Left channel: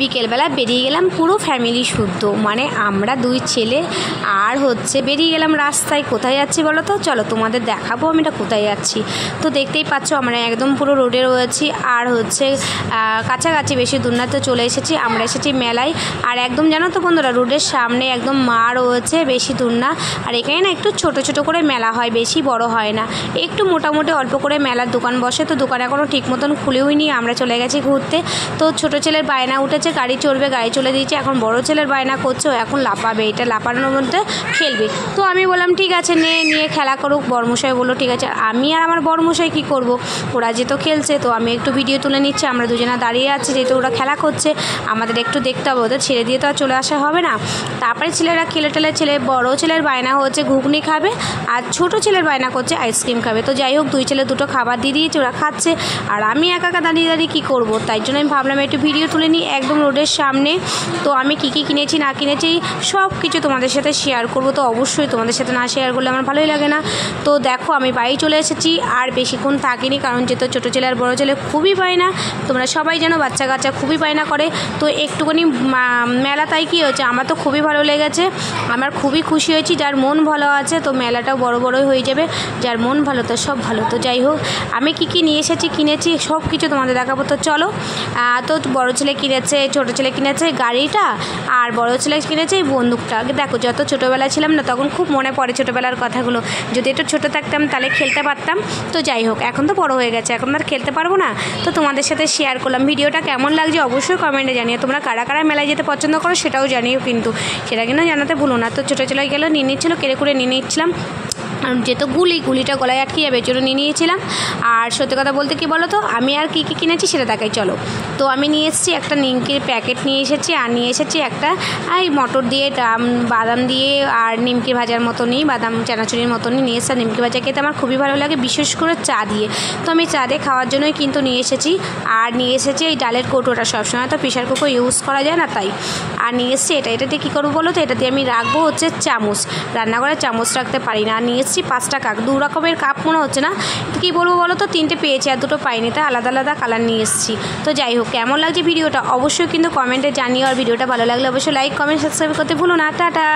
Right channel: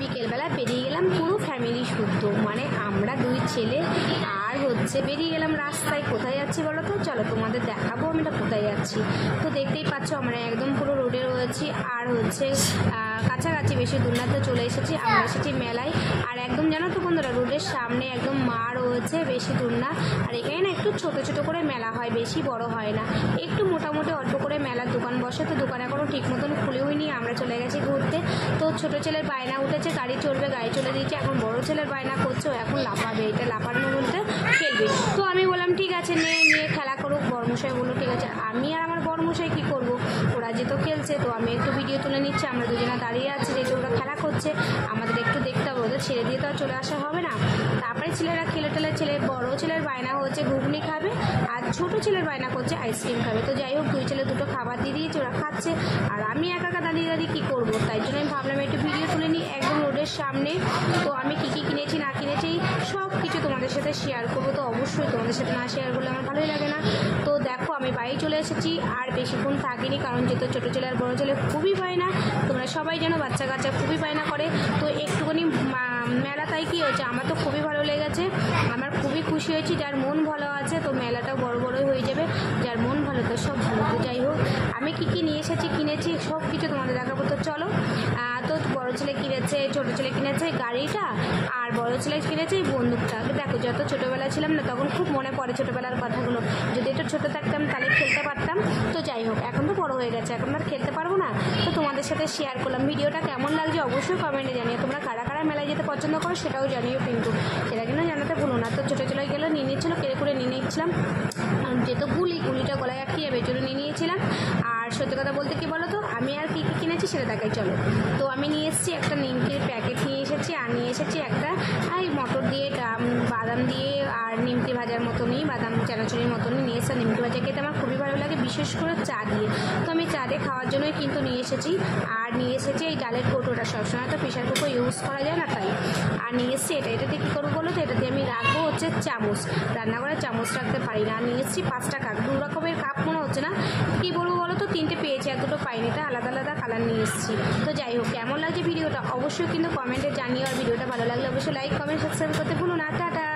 বিকেলবেলা বেরিয়ে গেলাম পুরো ফ্যামিলি শুদ্ধ, মানে আমরা দুই ছেলে আর বেরিয়ে গেলাম রাস্তায়। কোথায় যাচ্ছি বলো তো? চলো তোমাদের দেখাবো আমি এটা কোথায় যাচ্ছি। তো দেখতেই পাচ্ছ আমরা একদম পুরো রোডে রয়েছি, আর কাছাকাছি বেশি দূর না, তো চলে এসেছি। আমরা এসেছি মেলায়, আর একদম জানো তো বন্ধুরা, রোডের সামনে একদম মা রয়েছে, বেশি দূর না। আর এখানে না একটু ছোট ছোট করে মেলা হয়, বেশি বড় হয় না, একটু মোটামুটি অল্প করে মেলার দোকান বসে। তো দোকান এখনও ঠিক মতন খুলেওই নি, আমরা চলে গেছি ঘুরতে। তো ছোটো ছেলের বায়না উঠেছে, গাড়ি চড়বে, গাড়ি চলে দিয়েছে। এখন বড় ছেলের বায়না করছে, ও এখন লাফাবে, এটা লাফানোর মধ্যে খেলবে। তো আমি বললাম ঠিক আছে, নিয়ে খেলা করুক। বড়মশাই বললো ঠিক আছে। আমি আর আমার বড়মশাই কী করব, ওরা যেহেতু খেলছে, তো আমি একটু ভিডিও তুলে নিচ্ছি। আমরা দুজনে দাঁড়িয়ে আছি, যেহেতু ওরা খেলা করছে, আমাদের একটু দেখতে হবে, ওদের ছেড়ে দিয়ে তো আর চলে আসা হবে না। তারপরে ছেলেরা খেলে বড় ছেলের বায়না হচ্ছে ঘুগনি খাবে, আর ছোটো ছেলের বায়না করছে আইসক্রিম খাবে। তো যাই হোক, দুই ছেলে দুটো খাবার দিয়ে দিয়েছে, ওরা খাচ্ছে, আর আমি একা দাঁড়িয়ে কী করবো। তাই জন্য আমি ভাবলাম একটু ভিডিও তুলে নিই একদম রোডের সামনে। তো আমি কী কিনেছি না কিনেছি সব কিছু তোমাদের সাথে শেয়ার করবো। তো অবশ্যই তোমাদের সাথে না শেয়ার করলে আমার ভালোই লাগে না। তো দেখো আমি বাড়ি চলে এসেছি, আর বেশিক্ষণ থাকিনি, কারণ যেহেতু ছোটো ছেলে আর বড়ো ছেলে খুবই বায়না, তোমরা সবাই জানো বাচ্চা কাচ্চা খুবই বায়না করে। তো একটুখানি মেলা, তাই কী হয়েছে, আমার তো খুবই ভালো লেগেছে, আমার খুবই খুশি হয়েছি। যার মন ভালো আছে তো মেলাটাও বড়োই হয়ে যাবে, যার মন ভালো তো সব ভালো। তো যাই হোক, আমি কী নিয়ে এসেছি কিনেছি সব কিছু তোমাদের দেখাবো। তো চলো। তো বড় ছেলে কিনেছে, ছোটো ছেলে কিনেছে গাড়িটা, আর বড় ছেলে কিনেছে এই বন্দুকটা। দেখো, যত ছোটোবেলায় ছিলাম না, তখন খুব মনে পড়ে ছোটোবেলার কথাগুলো। যদি একটু ছোটো থাকতাম তাহলে খেলতে পারতাম। তো যাই হোক, এখন তো বড় হয়ে গেছে, এখন আর খেলতে পারবো না। তো তোমাদের সাথে শেয়ার করলাম। ভিডিওটা কেমন লাগছে অবশ্যই কমেন্টে জানিও। তোমরা কারা কারা মেলায় যেতে পছন্দ করো সেটাও জানিও, কিন্তু সেটা কিন্তু জানাতে ভুলো না। তো ছোটো ছেলে গেলো, নিয়ে নিচ্ছিলো, করে নিয়ে নিচ্ছিলাম, যেহেতু গুলিটা গলায় আটকে যাবে, এর জন্য নিয়ে নিয়েছিলাম। আর সত্যি কথা বলতে কি বলো তো, আমি আর কী কিনেছি সেটা দেখাই চলো। তো আমি নিয়ে এসেছি একটা নিমকির প্যাকেট নিয়ে এসেছি, আর নিয়ে এসেছি একটা এই মটর দিয়ে বাদাম দিয়ে আর নিমকি ভাজার মতনই, বাদাম চানাচুরির মতনই নিয়ে এসেছি। নিমকি ভাজা খেতে আমার খুবই ভালো লাগে, বিশেষ করে চা দিয়ে। তো আমি চা দিয়ে খাওয়ার জন্যই কিন্তু নিয়ে এসেছি। আর নিয়ে এসেছি এই ডালের কৌটোটা, সবসময় তো প্রেশার কুকার ইউজ করা যায় না, তাই। আর নিয়ে এসেছি এটাতে কী করবো বলো তো, এটাতে আমি রাখবো হচ্ছে চামচ, রান্নাঘরে চামচ রাখতে পারি না। আর নিয়ে এসেছি 5টা কাপ, 2 রকমের কাপ মনে হচ্ছে না, কী বলবো বলো তো, 3টে পেয়েছি আর 2টো পাইনি, তাই আলাদা কালার নিয়ে এসেছি। তো যাই হোক, কেমন লাগছে ভিডিওটা অবশ্যই কিন্তু কমেন্টে জানিও। আর ভিডিওটা ভালো লাগলে অবশ্যই লাইক, কমেন্ট, সাবস্ক্রাইব করতে ভুলো না। টাটা।